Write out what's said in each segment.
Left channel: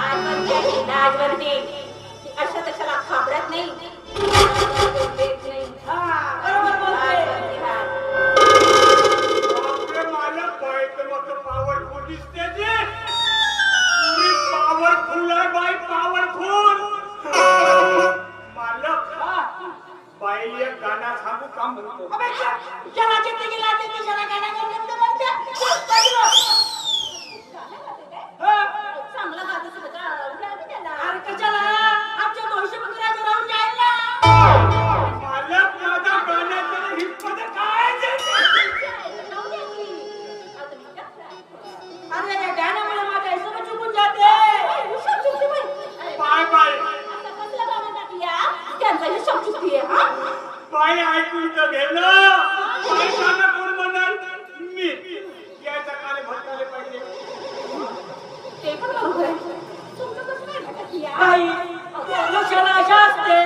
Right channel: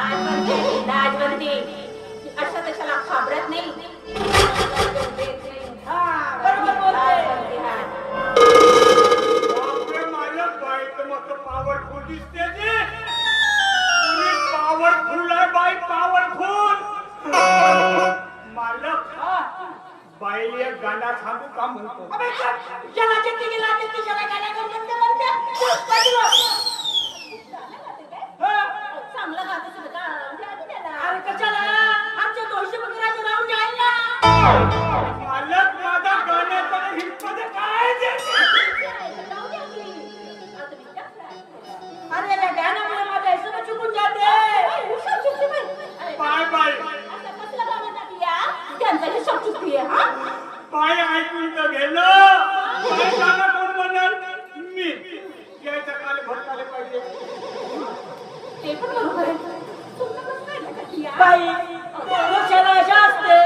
लाजवंती अशा तशाला घाबरत नाही. बरोबर बोलते. पॉवरफुल दिसते जी. पॉवरफुल आहे बाई, पॉवरफुल. मालक बाई एक गाणं सांगू का म्हणतो. चांगलं गात असेल का? अरे कशाला आमच्या दोषी वगैरे राहून जाईल ना. मालक माझा गाण्याचा हितमध्ये काय अरे त्या गाण्यामुळे माझा हिशोब चुकून जाते. बाय बाय त्यांचा हिशोब चुकतीये. बाय ऐकून तर गेलं. काय गाणं कोण म्हणाल? मी याच्या काळे भटकाले पाहिजे. ते पण बरोबर आहे. बाई मनुष्याला अशा असते.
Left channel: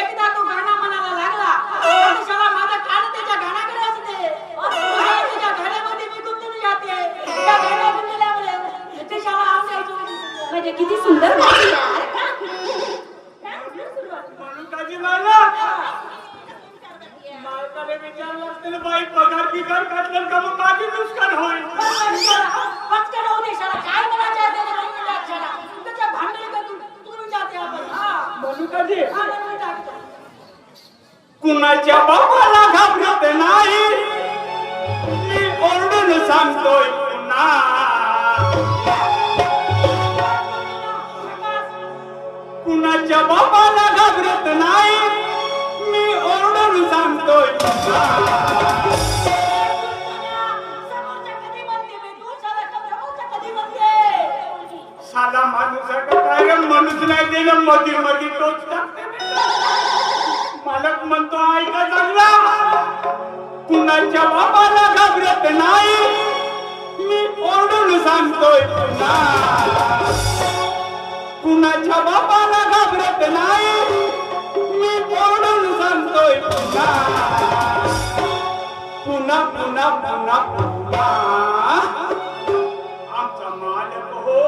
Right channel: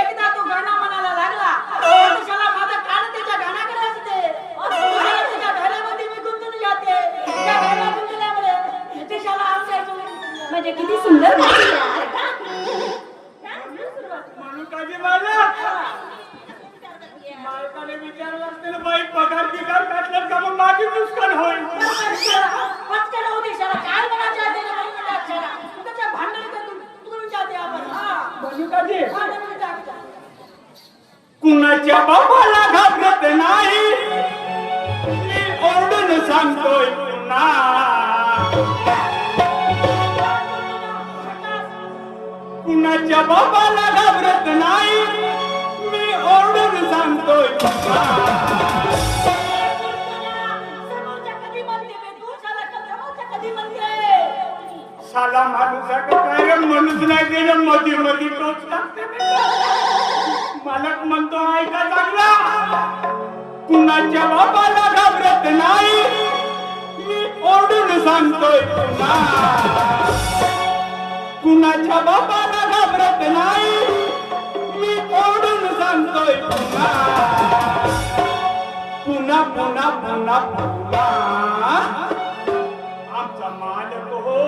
एकदा तो गाणं म्हणायला लागला मनुष्याला माझा कान त्याच्या गाण्याकडे असते. त्याच्या गाण्यामध्ये मी गुंतून जाते. त्या गाण्यात गुंतल्यामुळे त्याच्याला आमच्या म्हणजे किती सुंदर म्हणून मालक मालकाने विचारलं असतं बाई पगार बिगार काढलं का मग बाकी नुकसान होईल. पटकन होऊ दे शाळा. काय म्हणायचं आहे त्याला? तुझ्या भांडण करून जाते आपण. म्हणून कधी कुणाच्या बाबाला घाबरत नाही. मी ओरडून सांगतोय पुन्हा. कुणाच्या बाबाला घाबरत नाही. मी ओरडून सांगतोय पुन्हा. साला माणूस काय माणूस नाही दिलं मध्ये मध्ये टोचता. मालक म्हणतो ऐका चांगला. कुणाच्या बाबाला घाबरत नाही. मी ओरडून सांगतोय पुन्हा. कुणाच्या बाबाला घाबरत नाही. मी ओरडून सांगतोय पुन्हा. पुन्हा पुन्हा पुन्हा पुन्हा आमचा मालक हो.